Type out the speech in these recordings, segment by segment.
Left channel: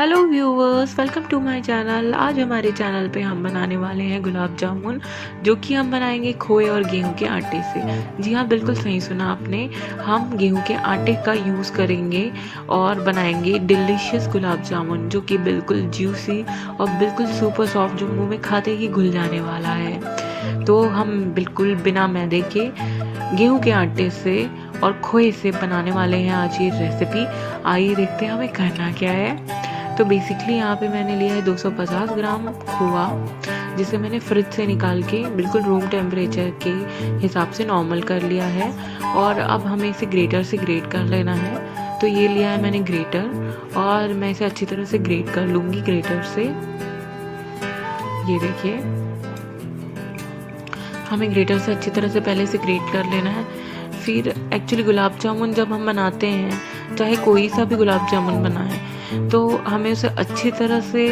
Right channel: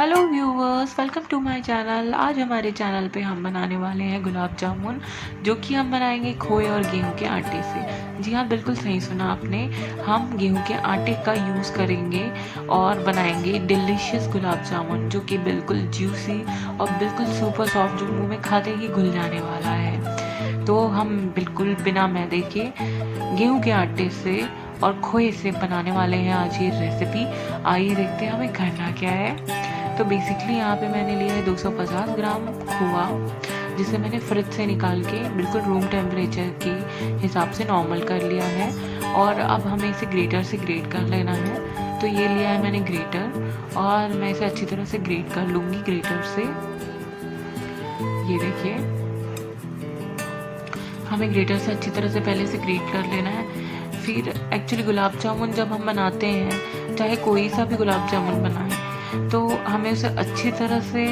Hello viewers, welcome to my channel. आज हमारे channel पे हम बनाने वाले हैं गुलाब जामुन, जो कि हम बनाएंगे खोए और गेहूं के आटे से। जी हाँ, बिल्कुल सही सुना आपने। हम गेहूं के आटे का यूज़ करेंगे और बनाएंगे डिलीशियस गुलाब जामुन, जो कि बिल्कुल जूसी और बिल्कुल सुपर सॉफ्ट, जो मुंह में खाते ही घुल जाने वाला है। तो हम बिल्कुल बिना मैदे के गेहूं के आटे से और खोए से बनाने वाले हैं आज ये रेसिपी। आइए देखते हैं हमें करना क्या है। तो बेसिकली यहाँ पे मैंने लिया है 250 ग्राम खोआ, जिसे मैंने फ्रिज से निकाल के बिल्कुल रूम टेम्परेचर के हिसाब से नॉर्मल कर लिया है। और अब हमें इसे ग्रेटर से ग्रेट कर लेना है। तो ये लिया है मैंने ग्रेटर, और मैं इसे अच्छी तरह से ग्रेट कर लूँगी ग्रेटर से। ये देखिए, हमें ग्रेटर से अच्छी तरह से पहले से ग्रेट कर लेना है। फिर एक्चुअली गुलाब जामुन जब हम बनाते हैं, चाहे कोई सा भी गुलाब जामुन बनाए, तो हमें उसे अच्छी तरह से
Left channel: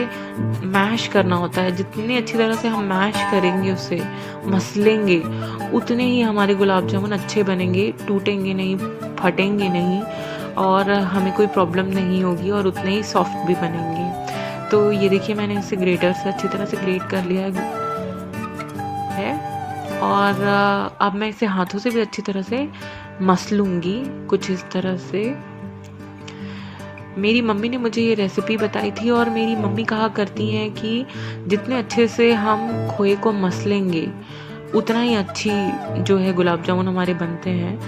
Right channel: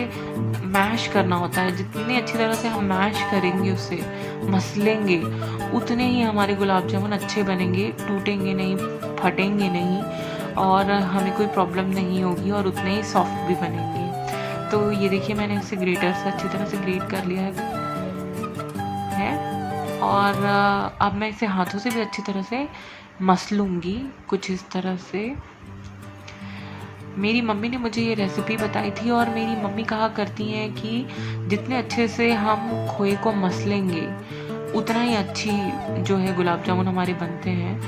मैश करना होता है। जितनी अच्छी तरह से हम मैश करेंगे, उसे मसलेंगे, उतने ही हमारे गुलाब जामुन अच्छे बनेंगे, टूटेंगे नहीं, फटेंगे नहीं, और हमें कोई प्रॉब्लम नहीं होगी, और उतने ही सॉफ्ट भी बनेंगे। तो ये देखिए, मैंने इसे ग्रेटर से अच्छी तरह से ग्रेट कर लिया है। और अब मैं इसे हाथों से भी अच्छी तरह से मसलूँगी, कुछ इस तरह से। मेरी मम्मी ने मुझे ये रेसिपी बताई थी, और मेरी मम्मी कहा करती हैं कि जितने अच्छे से हम खोए को मसलेंगे, उतना ही अच्छी जो है गुलाब जामुन हमारे बनते हैं।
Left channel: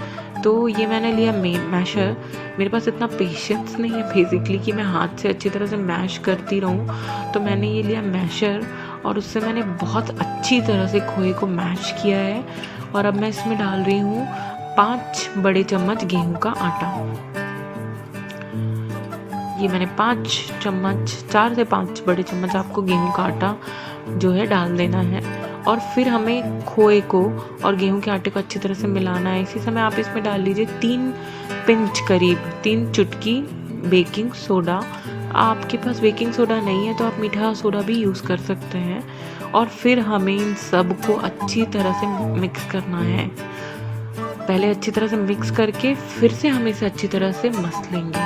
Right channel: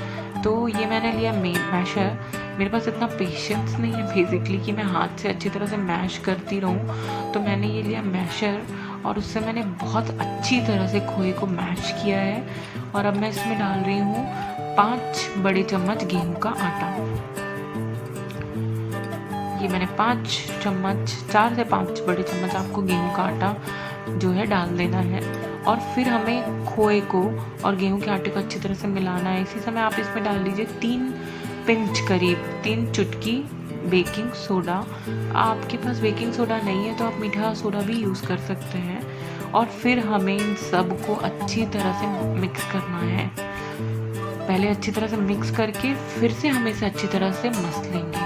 तो ये मैंने लिया मैशर। मेरे पास इतना पेशेंस नहीं है बेसिकली कि मैं हाथ से अच्छी तरह से मैश करती रहूं, तो मैंने ये लिया मैशर, और उससे मैंने बहुत अच्छी तरह से खोए को मैश किया है। और अब मैं इसमें डाल रही हूँ 5 बड़े चम्मच गेहूं का आटा। ये मैंने 5 चम्मच, 4 से 5 बड़े चम्मच आपको गेहूं का आटा जो है डाल देना है। और फिर हमें खोए को और गेहूं के आटे को अच्छी तरह से मिलाना है। इसी समय आप इसमें डाल लीजिए 3 पिंच, करीब 3 चुटकी बेकिंग सोडा। आपके पास बेकिंग सोडा नहीं है तो आप मीठा सोडा भी यूज़ कर सकते हैं। और फिर हमें इन सब को अच्छी तरह से मिक्स करना है। पहले अच्छी तरह से मिक्स करके फिर से हम इसे अच्छी तरह से मसलेंगे,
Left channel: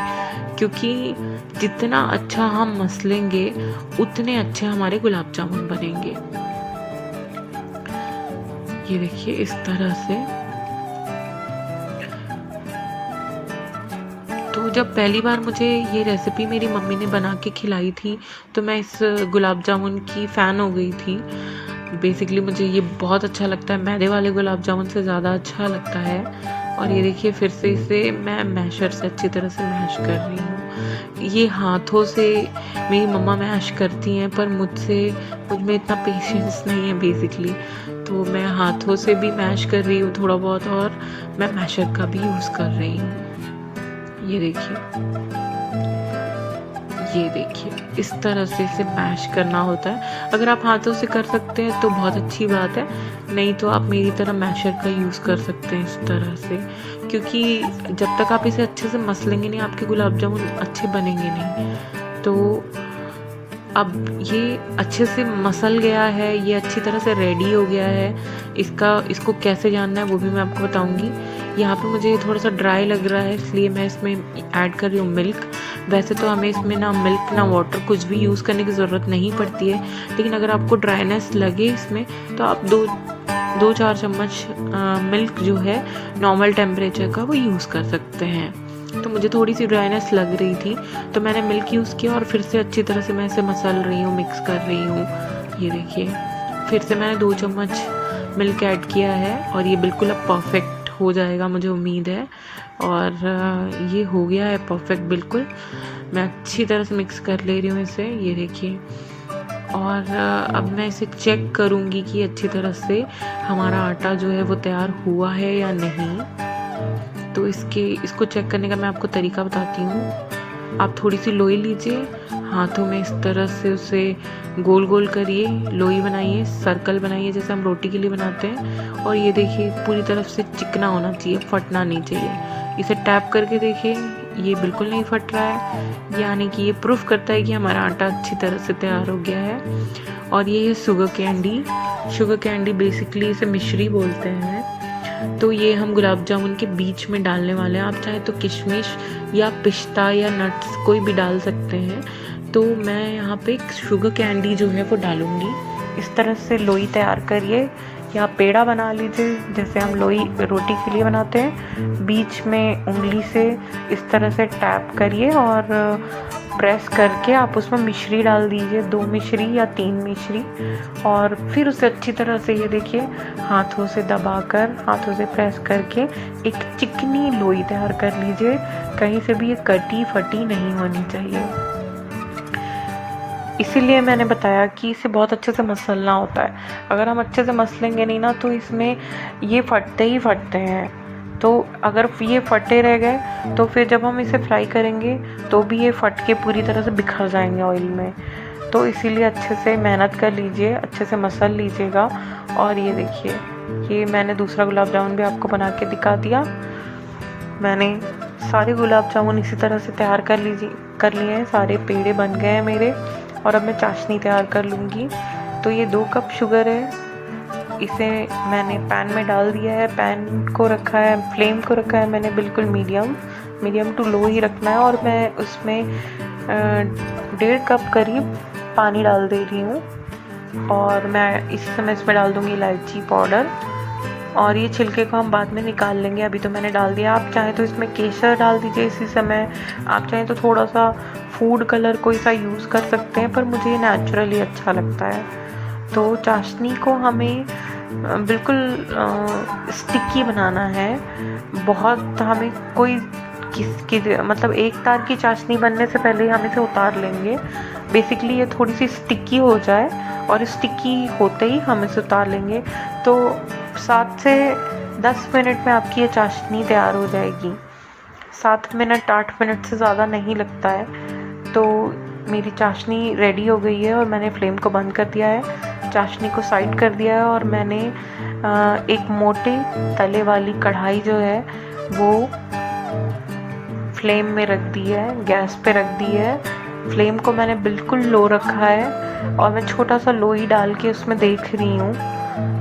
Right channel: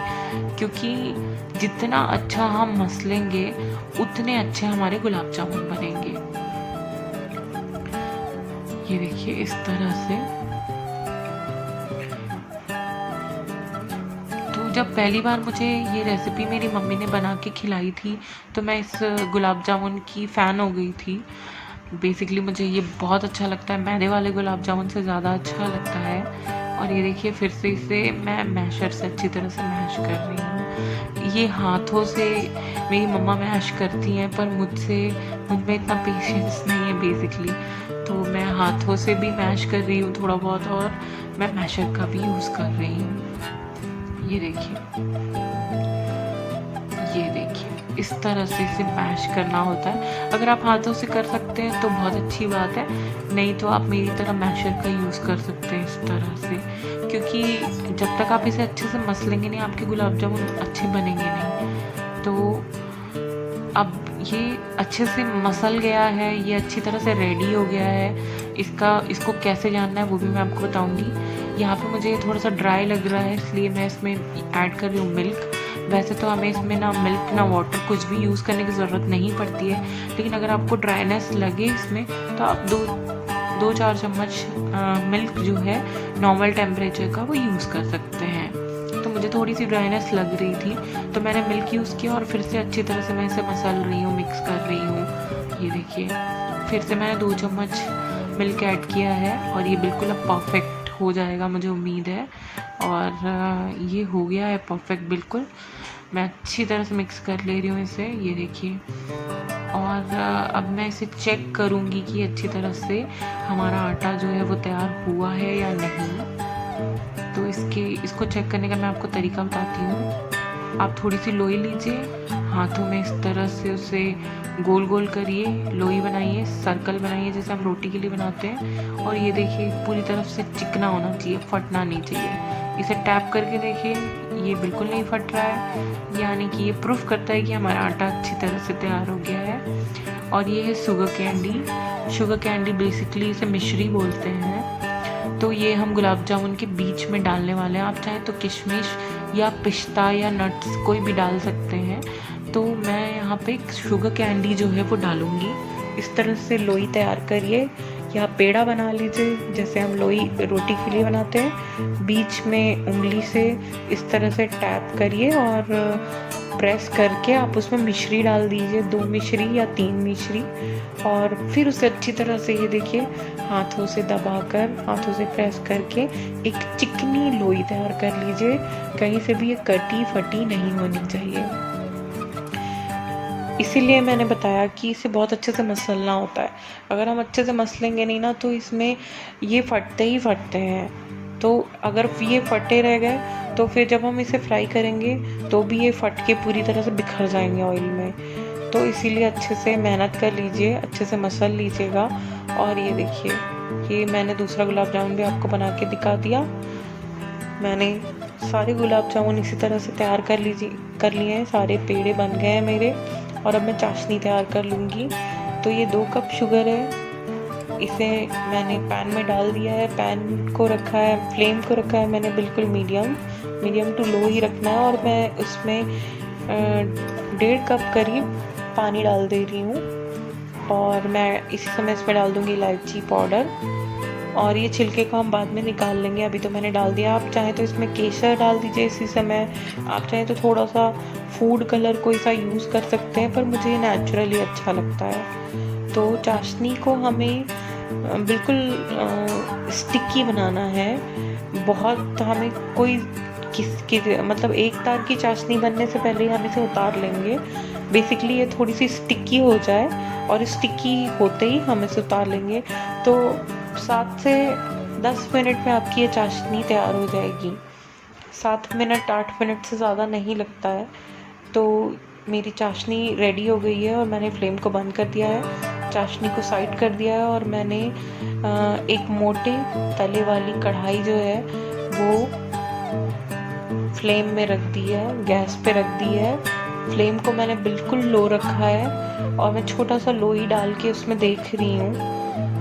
क्योंकि जितना अच्छा हम मसलेंगे, उतने अच्छे हमारे गुलाब जामुन बनेंगे। ये देखिए, इस तरह से। तो जब पहली बार मुझे ये रेसिपी मेरी मम्मी ने बना के खिलाई थी, तो मैं इस गुलाब जामुन की फ़ैन हो गई थी। बेसिकली मुझे ये बहुत अच्छा लगता है, मैदे वाले गुलाब जामुन से ज़्यादा अच्छा लगता है। और ये देखिए, फिर से इसे मैं मैशर से अच्छी तरह से मैश कर रही हूँ। ये हाथों से मेरी मम्मा मैश करती हैं, पर मुझ में इतना पेशेंस नहीं है बेसिकली, तो मैं हाथों से भी मैश कर रही हूँ थोड़ा बहुत, और मैं मैशर का भी यूज़ कर रही हूँ। ये देखिए, इस तरह से इसे मैश करना होता है। अगर आप हाथों से कर सकते हैं तो बहुत अच्छी बात है, नहीं तो आप मेरी तरह मैशर का यूज़ कर सकते हैं इस तरह से। क्योंकि जब तक आप इसे अच्छे से मसलेंगे नहीं, आपके गुलाब जामुन अच्छे बनेंगे नहीं। तो अब ये अच्छे से मसल गया है, ये अच्छी तरह से रेडी हो गया है। इसको कैसे जानना है वो भी मैं आपको बताऊंगी। यहाँ पे मुझे थोड़ा सा ड्राई लग रहा है, इसलिए मैं इसमें ऐड कर रही हूँ मिल्क। वैसे तो हमें इसमें ना मिल्क ना वाटर कुछ भी यूज़ करने की ज़रूरत नहीं पड़ती है, लेकिन अगर आपको ड्राइनेस लगे इसमें, तो आप 2-4 चम्मच मिल्क जो है नॉर्मल टेम्परेचर का, वो यूज़ कर सकते हैं। तो मुझे थोड़ी सी ड्राइनेस लग रही थी, तो मैंने मिल्क यूज़ किया, और फिर से अच्छी तरह से मैं इसे मसल रही हूँ, मिक्स कर रही हूँ। ये देखिए, फिर से मैंने 2 चम्मच मिल्क ऐड किया है, और ये बिल्कुल अब परफेक्ट हो जाएगा, मुझे उम्मीद है। और ये हो गया है परफेक्ट बिल्कुल। मैं अच्छी तरह से मिक्स कर ले रही हूँ इसे। ये देखिए, और अब मैं इसे चेक करूँगी कि अच्छी तरह से हमारा आटा जो है वो तैयार हुआ है या नहीं। तो इसको चेक करने का मैं आपको तरीका बताती हूँ। आप थोड़ी सी लोई लीजिए, हाथों में इस तरह से उसे गोल गोल करिए, लोई बनाइए, सर्कल बनाइए जैसे हम रोटी के लिए बनाते हैं। और ये देखिए, पूरी तरफ से चिकना होना चाहिए, फटना नहीं चाहिए। इसे टैप करके देखिए, ये बिल्कुल नहीं फट रहा है, यानी कि ये प्रूफ करता है कि हमारा आटा अच्छी तरह से तैयार हो गया है। और ये है शुगर कैंडी बेसिकली इसे मिश्री बोलते हैं। तो ये हम गुलाब जामुन के बीच में डालने वाले हैं। आप चाहे तो किशमिश या पिस्ता या नट्स कोई भी डाल सकते हैं। तो मैं यहाँ पे शुगर कैंडी जो है वो डालूँगी। इस तरह से लोई तैयार करिए या पेड़ा बना लीजिए, जैसे हम लोई रोटी के लिए बनाते हैं। बीच में उंगली से इस तरह से टैप करिए और प्रेस करके आप उसमें मिश्री डाल दीजिए, 2 मिश्री या 3 मिश्री, और फिर उसे अच्छी तरह से ये देखिए हाथों से दबाकर, हाथों से प्रेस करके एक चिकनी लोई तैयार कर लीजिए। कहीं से भी ये कटी फटी नहीं होनी चाहिए। इसीलिए मैंने बताया कि इसे बहुत अच्छे से मसलना होता है। अगर हम अच्छे से मसलेंगे नहीं ना तो इसमें ये फटते ही फटते हैं। तो अगर ये फटे रह गए तो फिर जब हम इसे फ्राई करेंगे तो भी ये फट के पूरी तरह से बिखर जाएंगे ऑयल में। तो इसीलिए अच्छे से मेहनत कर लीजिए, अच्छे से मसल लीजिएगा। और ये देखिए, ये मैंने दूसरा गुलाब जामुन भी आपको बना के दिखा दिया। मैंने सारे गुलाब जामुन इसी तरह से तैयार कर लिए हैं, सारे पेड़े बन गए हैं मेरे। और अब मैं चाशनी तैयार कर लूँगी। तो ये 2 कप शुगर है, इसे मैंने पैन में डाल दिया है। पैन को रखा है, फ्लेम को रखा है मैंने बिल्कुल मीडियम टू लो ही रखना है। और मैं उसमें 1.5 कप करीब पानी डाल दे रही हूँ। और मैं इसी समय इसमें डाल दूँगी इलायची पाउडर। और ये छिलके को हम बाद में निकाल लेंगे, अभी तो मैंने डाल दिया। आप चाहें तो इसमें केसर डाल दीजिए इसी समय, आप चाहें तो थोड़ा सा फूड कलर कोई सा यूज़ कर सकते हैं, पर मुझे ये नेचुरली अच्छा लगता है। तो चाशनी को हमें बिल्कुल स्टिकी बनाना है। बहुत हमें कोई मतलब एक तार की चाशनी बनने से पहले ही हम इसे उतार लेंगे। बेसिकली ये थोड़ी सी स्टिकी हो जाए और स्टिकी होते ही हम इसे उतार लेंगे। तो 7 से 10 मिनट में आपकी ये चाशनी तैयार हो जाएगी। 7 मिनट 8 मिनट से ज़्यादा नहीं लगता है। तो मेरी चाशनी रेडी हो गई है और मैंने फ्लेम को बंद कर दिया है, चाशनी को साइड कर दिया है। और मैंने एक मोटे तले वाली कढ़ाई जो है वो फ्लेम में रख दी है, गैस पे रख दी है। फ्लेम को मैंने बिल्कुल लो रखा है और मैं छोटा सा लोई डाल के उसमें देख रही हूँ।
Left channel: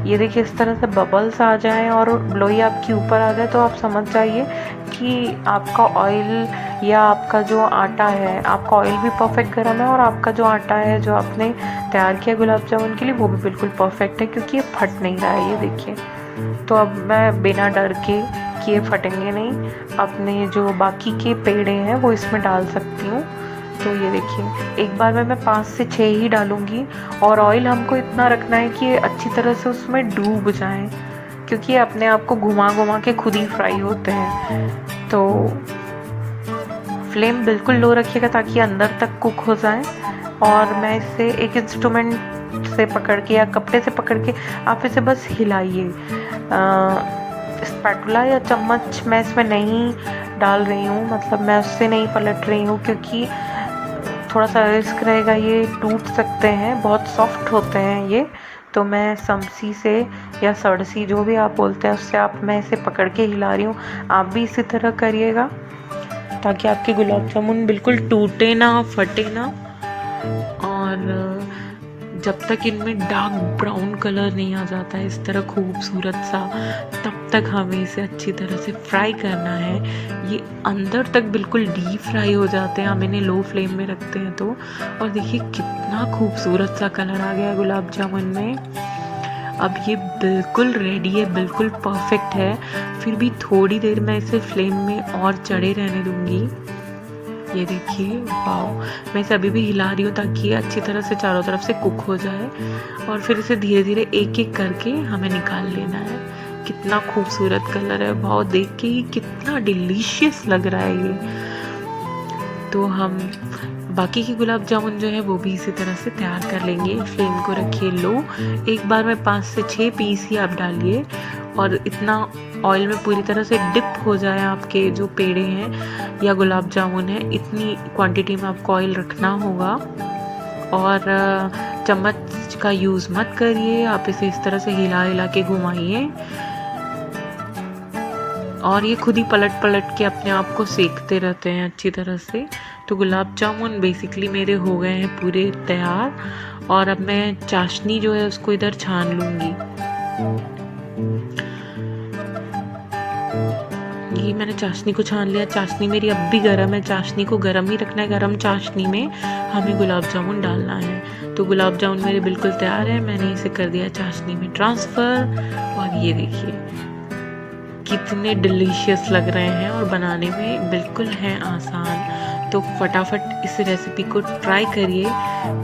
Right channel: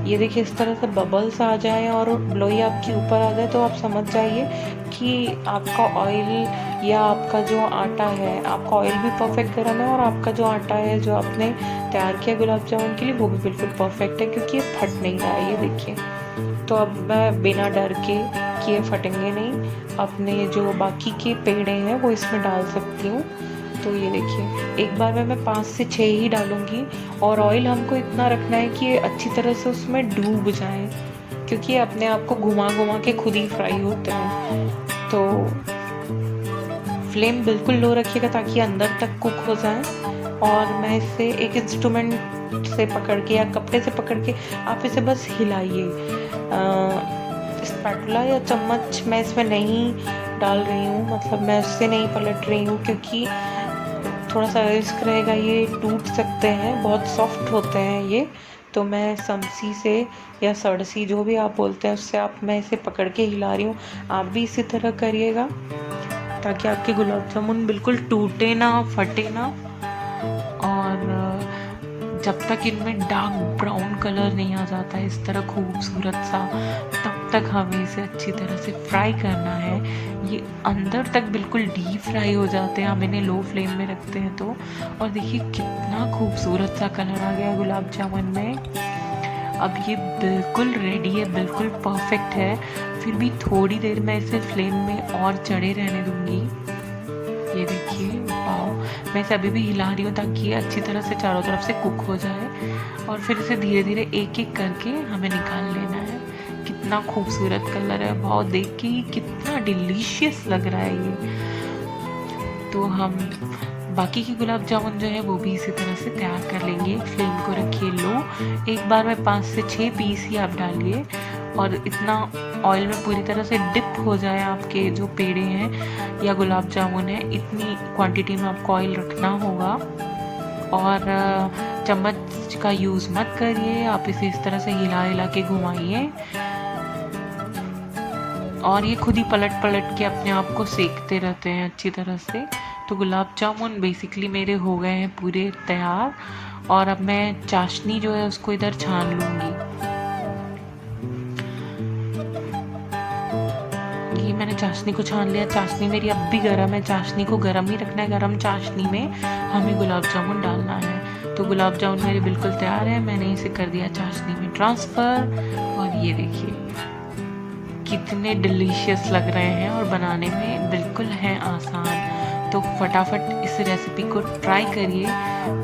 ये देखिए, इस तरह से बबल्स आ जाएं और लोई आपकी ऊपर आ जाए तो आप समझ जाइए कि आपका ऑयल या आपका जो आटा है, आपका ऑयल भी परफेक्ट गर्म है और आपका जो आटा है जो आपने तैयार किया गुलाब जामुन के लिए वो भी बिल्कुल परफेक्ट है, क्योंकि ये फट नहीं रहा है। ये देखिए, तो अब मैं बिना डर के कि ये फटेंगे नहीं, अपने जो बाकी के पेड़े हैं वो इसमें डाल सकती हूँ। तो ये देखिए, एक बार में मैं 5 से 6 ही डालूँगी। और ऑयल हमको इतना रखना है कि ये अच्छी तरह से उसमें डूब जाए, क्योंकि ये अपने आप को घुमा घुमा के खुद ही फ्राई होते हैं। तो फ्लेम बिल्कुल लो रखिएगा ताकि अंदर तक कुक हो जाए। और मैं इसे एक इंस्ट्रूमेंट से पकड़ के या कपड़े से पकड़ के आप इसे बस हिलाइए। स्पैटुला या चम्मच मैं इसमें नहीं डाल रही हूँ, मतलब मैं उससे नहीं पलट रही हूँ, क्योंकि थोड़ा सा रिस्क रहेगा, ये टूट सकते हैं, बहुत सॉफ्ट होते हैं ये। तो मैं समसी से या सड़सी जो भी आप बोलते हैं उससे मैं इसे पकड़ के हिला रही हूँ। आप भी इसी तरह करिएगा ताकि आपके गुलाब जामुन बिल्कुल टूटे ना, फटे ना। और जब तक इनमें डार्क ब्राउन कलर नहीं आ जाता है इस तरह खूबसूरत सा, तब तक हमें इसे अच्छी तरह से फ्राई करना है। ये अंदर तक बिल्कुल डीप फ्राई हो जाते हैं, हम इन्हें लो फ्लेम में रखते हैं तो। और देखिए कितना खूबसूरत सा कलर आ गया गुलाब जामुन में। अब ये बिल्कुल रेडी है, बिल्कुल परफेक्ट है। फिर भी थोड़ी देर मैं इसे फ्लेम में और चढ़े रहने दूँगी। ये देखिए, वाओ, मैं इसे अभी भी हिला रही हूँ ताकि ये अच्छी तरह से चारों तरफ से कुक हो जाए। और फिर इसे धीरे धीरे एक एक करके हमें निकाल लेना है। कितना खूबसूरत कलर है, बहुत देख के ही कितना डिलीशियस लग रहा है ये। तो हम बाकी के गुलाब जामुन जो है वो भी इसी तरह से तैयार कर लेंगे। फ्लेम को रखिए लो, एक बार में 5 से 6 पीस ही आप डालिए और इतना ऑयल में पूरी तरह से डिप हो जाए आपके जो पेड़े हैं या गुलाब जामुन है, इतनी क्वांटिटी में आपको ऑयल रखना होगा। और चम्मच का यूज़ मत करिए, आप इसे इस तरह से हिला हिला के घुमाइए और ये खुद ही पलट पलट के अपने आप को सेकते रहते हैं अच्छी तरह से। तो गुलाब जामुन बेसिकली मेरे हो गए हैं पूरे तैयार। और अब मैं चाशनी जो है उसको इधर छान लूँगी। ये मैंने चाशनी को छान लिया। चाशनी मेरी अब भी गर्म है, चाशनी को गर्म ही रखना है। गर्म चाशनी में हमें गुलाब जामुन डालना है। तो गुलाब जामुन मेरे बिल्कुल तैयार है। मैंने इसे कर दिया चाशनी में ट्रांसफ़र और ये देखिए कितने डिलीशियस लग रहे हैं और बनाने में बिल्कुल हैं आसान। तो फटाफट इस रेसिपी को ट्राई करिए।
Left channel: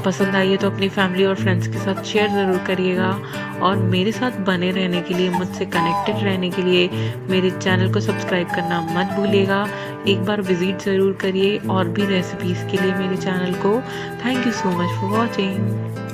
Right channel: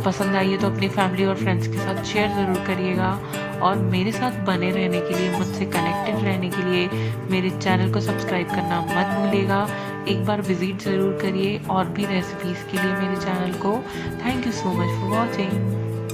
पसंद आई है तो अपनी फैमिली और फ्रेंड्स के साथ शेयर ज़रूर करिएगा। और मेरे साथ बने रहने के लिए, मुझसे कनेक्टेड रहने के लिए मेरे चैनल को सब्सक्राइब करना मत भूलिएगा। एक बार विज़िट ज़रूर करिए और भी रेसिपीज़ के लिए मेरे चैनल को। Thank you so much for watching.